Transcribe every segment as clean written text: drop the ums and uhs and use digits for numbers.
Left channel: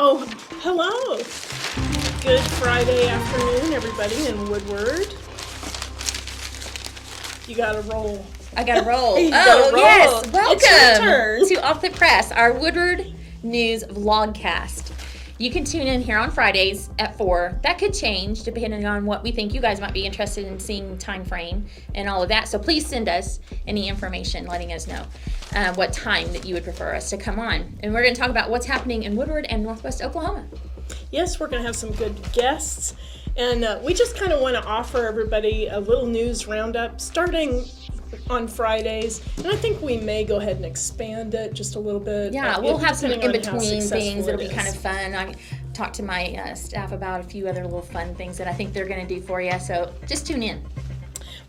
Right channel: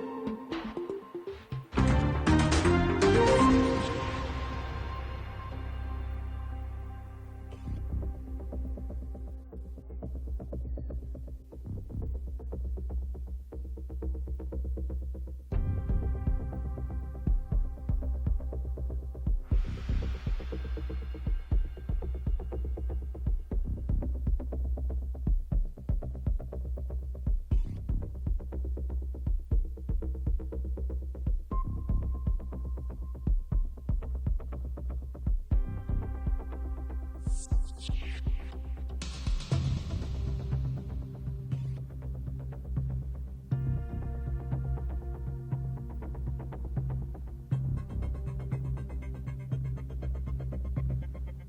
Oh, hello. Good Friday afternoon, everybody in Woodward. You gotta roll. I gotta roll. Roll. Yes. It's Welcome your turn. to Off the Press, our Woodward News Vlog-Cast. You can tune in here on Fridays at 4. That could change depending on what we think you guys might be interested in seeing, time frame and all of that. So please send us any information letting us know what time that you would prefer us to come on. And we're going to talk about what's happening in Woodward and Northwest Oklahoma. Yes, we're going to have some good guests. And we just kind of want to offer everybody a little news roundup starting on Fridays. And I think we may go ahead and expand it just a little bit. Yeah, we'll have some in-between things that'll be kind of of fun. I talked to my staff about a few other little fun things that I think they're going to do for you. So just tune in.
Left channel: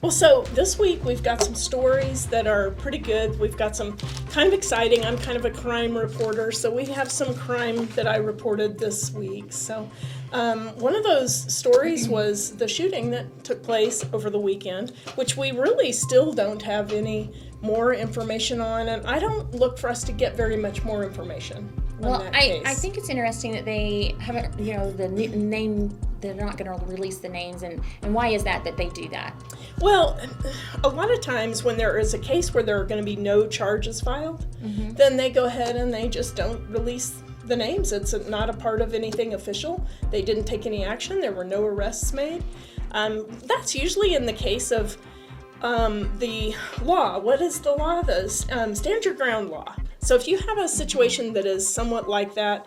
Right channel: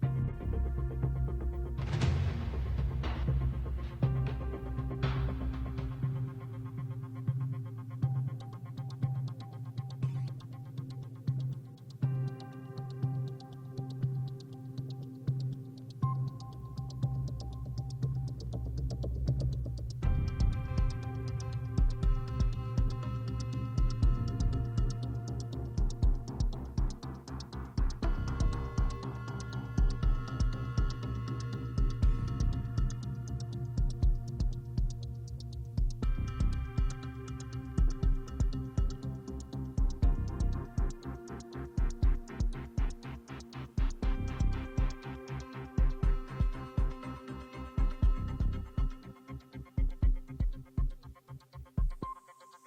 Well, so this week we've got some stories that are pretty good. We've got some kind of exciting. I'm kind of a crime reporter, so we have some crime that I reported this week. So one of those stories was the shooting that took place over the weekend, which we really still don't have any more information on, and I don't look for us to get very much more information. Well, I think it's interesting that they haven't, the name, they're not going to release the names, and why is that they do that? Well, a lot of times when there is a case where there are going to be no charges filed, then they go ahead and they just don't release the names. It's not a part of anything official. They didn't take any action. There were no arrests made. That's usually in the case of the law. What is the law? The stand your ground law. So if you have a situation that is somewhat like that,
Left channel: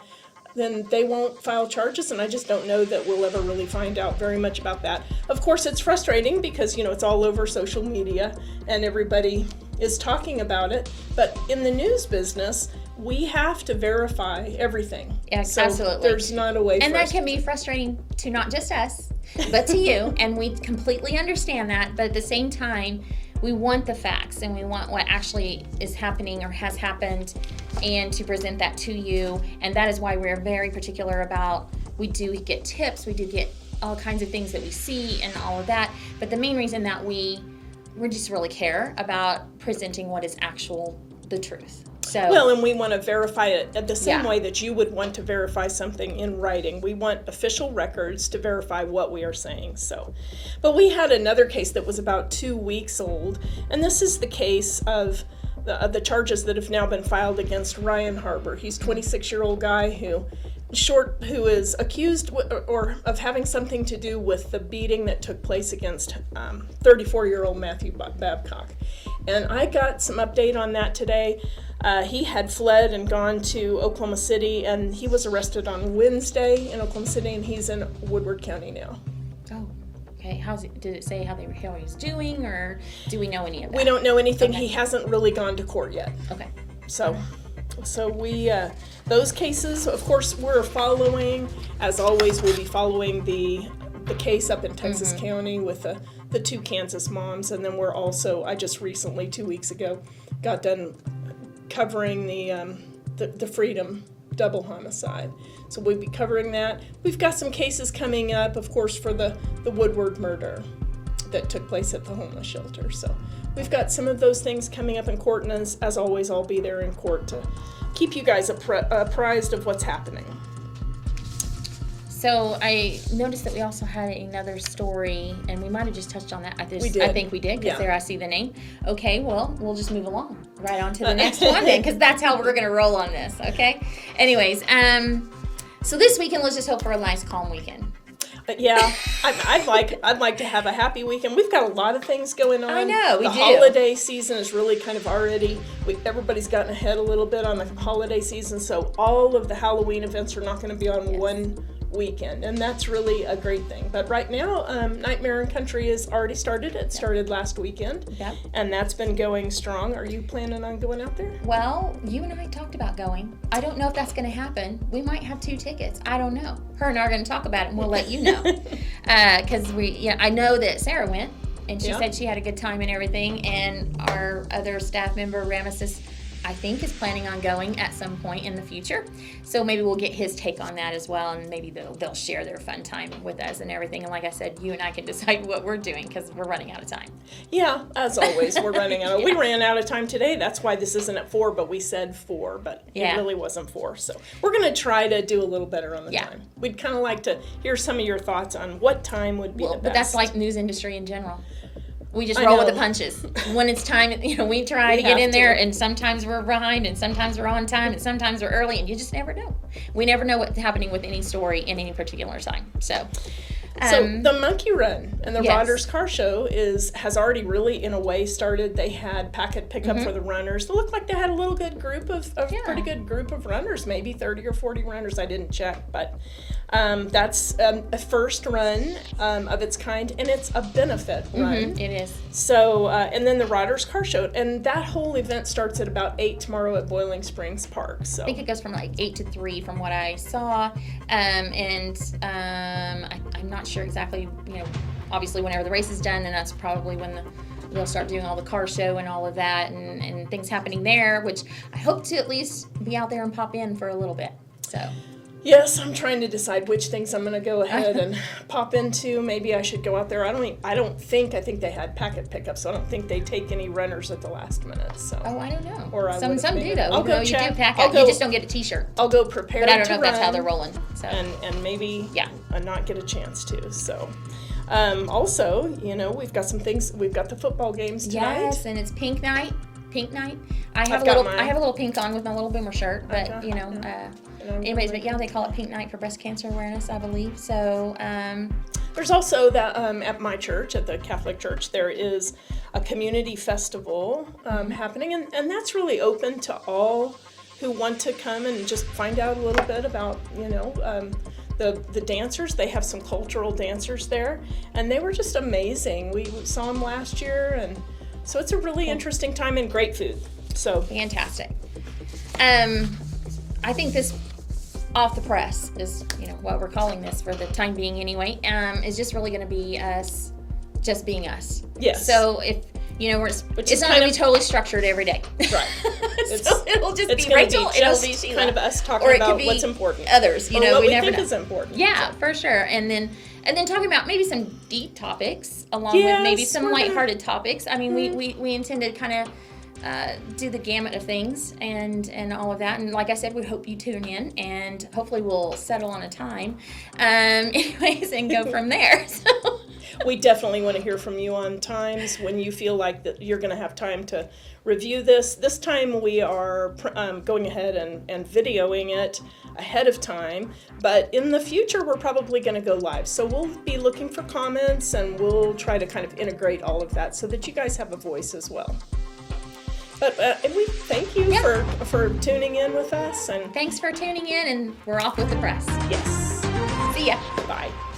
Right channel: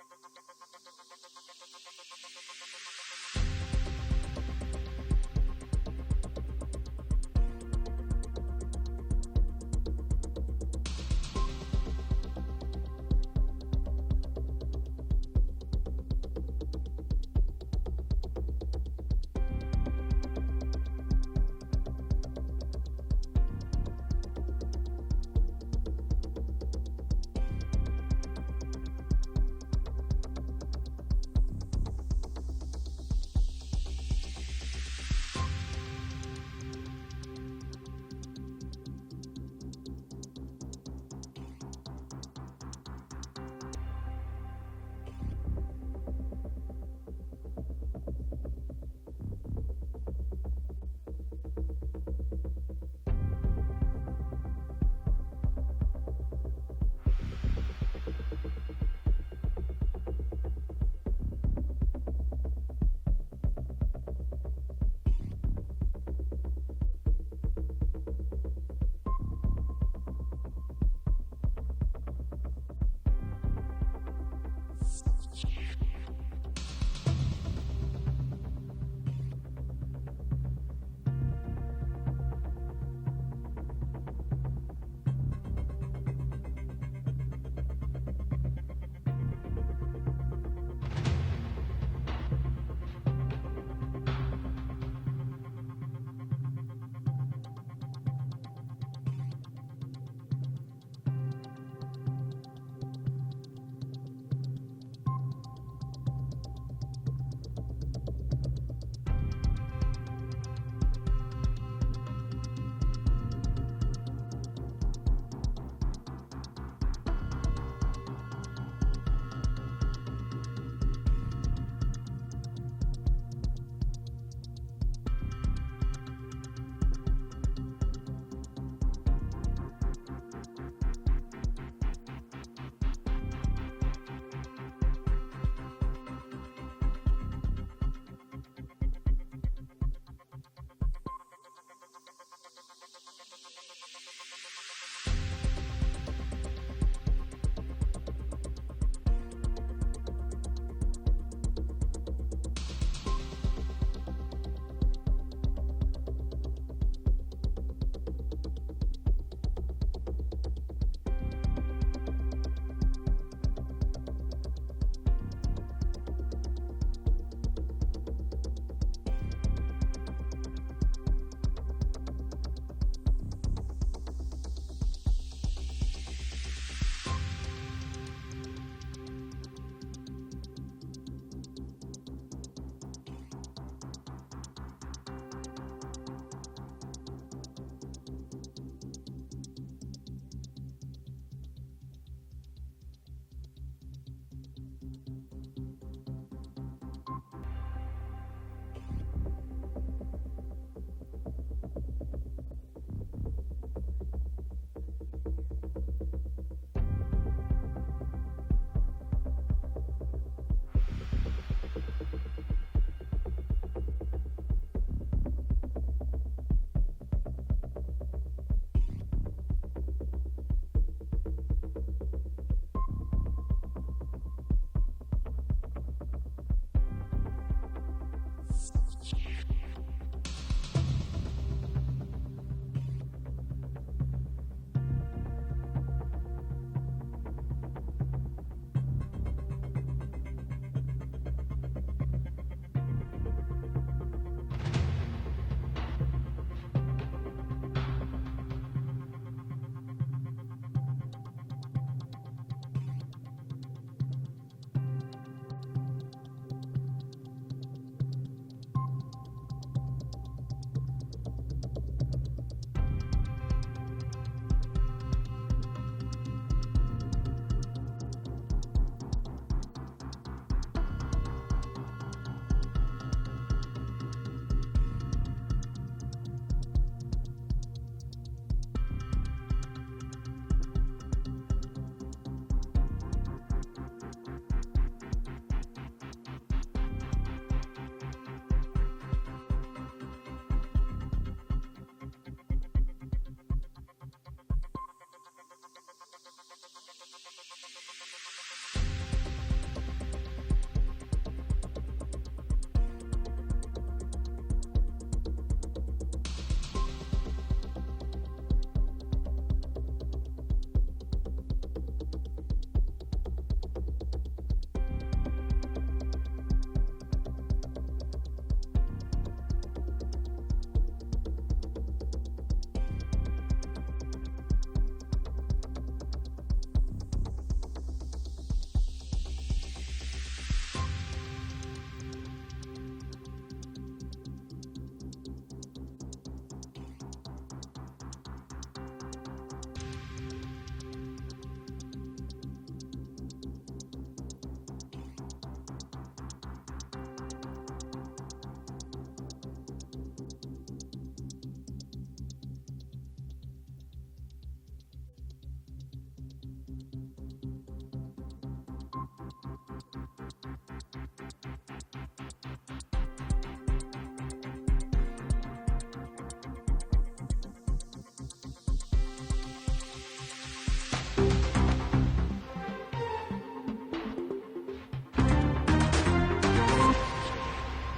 then they won't file charges, and I just don't know that we'll ever really find out very much about that. Of course, it's frustrating because, it's all over social media and everybody is talking about it, but in the news business, we have to verify everything. Yes, so absolutely. There's not a way and for that us can be frustrating to not just us, but to you, and we completely understand that, but at the same time, we want the facts and we want what actually is happening or has happened and to present that to you. And that is why we're very particular about, we do get tips, we do get all kinds of things that we see and all of that. But the main reason that we just really care about presenting what is the truth. So, well, and we want to verify it the same way that you would want to verify something in writing. We want official records to verify what we are saying. So, but we had another case that was about 2 weeks old, and this is the case of the charges that have now been filed against Ryan Harbor. He's a 26-year-old guy who is accused of having something to do with the beating that took place against 34-year-old Matthew Babcock. And I got some update on that today. He had fled and gone to Oklahoma City, and he was arrested on Wednesday in Oklahoma City, and he's in Woodward County now. Oh, okay. Did it say how he's doing, or do we know any of that? We don't know anything. Okay. He hasn't really gone to court yet. Okay. So we, those cases, of course, we're following, as always, we'll be following the case up in Texas County with the two Kansas moms, and then we're also, I just recently, 2 weeks ago, got done covering the Freedom double homicide. So we'll be covering that. We've got some cases coming up, of course, for the Woodward murder that took place at the homeless shelter. So we've got some of those things coming up in court, and as always, I'll be there in court to keep you guys apprised of what's happening. So I noticed that we also had another story, and we might have just touched on that. We did. I think we did, because there I see the name. Okay, well, we'll just move along right on to the next one then, because that's how we're going to roll on this, okay? Anyways, so this weekend, let's just hope for a nice, calm weekend. Yeah, I'd like to have a happy weekend. We've got a lot of things going on. I know, we do. The holiday season is really kind of already, everybody's gotten ahead a little bit on the holiday season, so all of the Halloween events are not going to be on one weekend, and that's really a great thing. But right now, Nightmare in Country has already started. It started last weekend, and that's been going strong. Are you planning on going out there? Well, you and I talked about going. I don't know if that's going to happen. We might have 2 tickets. I don't know. Her and I are going to talk about it, and we'll let you know. Because I know that Sarah went, and she said she had a good time and everything, and our other staff member, Ramesses, I think, is planning on going at some point in the future. So maybe we'll get his take on that as well, and maybe they'll share their fun time with us and everything. And like I said, you and I can decide what we're doing because we're running out of time. Yeah, as always, we're running out. We ran out of time today. That's why this isn't at 4, but we said 4, but it really wasn't 4. So we're going to try to do a little better on the time. We'd kind of like to hear some of your thoughts on what time would be the best. But that's like news industry in general. We just roll with the punches. When it's time, we try to get in there, and sometimes we're behind, and sometimes we're on time, and sometimes we're early, and you just never know. We never know what's happening with any story in any particular time. So the Monkey Run and the Rodders Car Show has already really, in a way, started. They had packet pickup for the runners. It looked like they had a little good group pretty good group of runners, maybe 30 or 40 runners. I didn't check, but that's a first run of its kind, and it's a benefit run. It is. So, and then the Rodders Car Show, and that whole event starts at about 8 tomorrow at Boiling Springs Park. So I think it goes from like 8 to 3 from what I saw, I'm not sure exactly, obviously whenever the race is done, and that's probably when we'll start doing all the car show and all of that and things happening there, which I hope to at least be out there and pop in for a little bit. So yes, I'm trying to decide which things I'm going to go ahead and pop into. Maybe I should go out there. I think they had packet pickup, so I don't think they take any runners at the last minute. So. Oh, I don't know. Or some do though. I'll go check. You do pack out. You just don't get a T-shirt. I'll go prepare. But I don't know if that's how they're rolling. So. And maybe not get a chance to. So. Also, we've got some things. We've got the football games tonight. Yes, and it's pink night. I have a little pink on with my little boomer shirt, but anyways, but they call it Pink Night for Breast Cancer Awareness, I believe. So there's also that at my church, at the Catholic Church, there is a community festival happening, and that's really open to all who want to come and just find out a little bit about the dancers. They have some cultural dancers there, and they were just amazing. We saw them last year, and so it's a really interesting time and great food. So fantastic. I think this off the press is what we're calling this for the time being anyway, is just really going to be us just being us. Yes. So if it's not going to be totally structured every day. Right. So it'll just be Rachel. It'll be Sheila. Kind of us talking about what's important. Others, what we we never think know. is important. Yeah, for sure. And then talking about maybe some deep topics along with maybe some lighthearted topics. I mean, we intend to kind of do the gamut of things and all of that. And like I said, we hope you tune in, and hopefully we'll settle on a time, anyways, and go from there. So. We definitely want to hear from you on times when you feel like that you're going to have time to review this. This time we are going ahead and videoing it ahead of time, but in the future we're probably going to go live. So we'll be looking for comments, and we'll try to kind of integrate all of that so that you guys have a voice as well. But and we thank you for tuning in with us. And thanks for tuning in, and we're off with the press. Yes. See ya.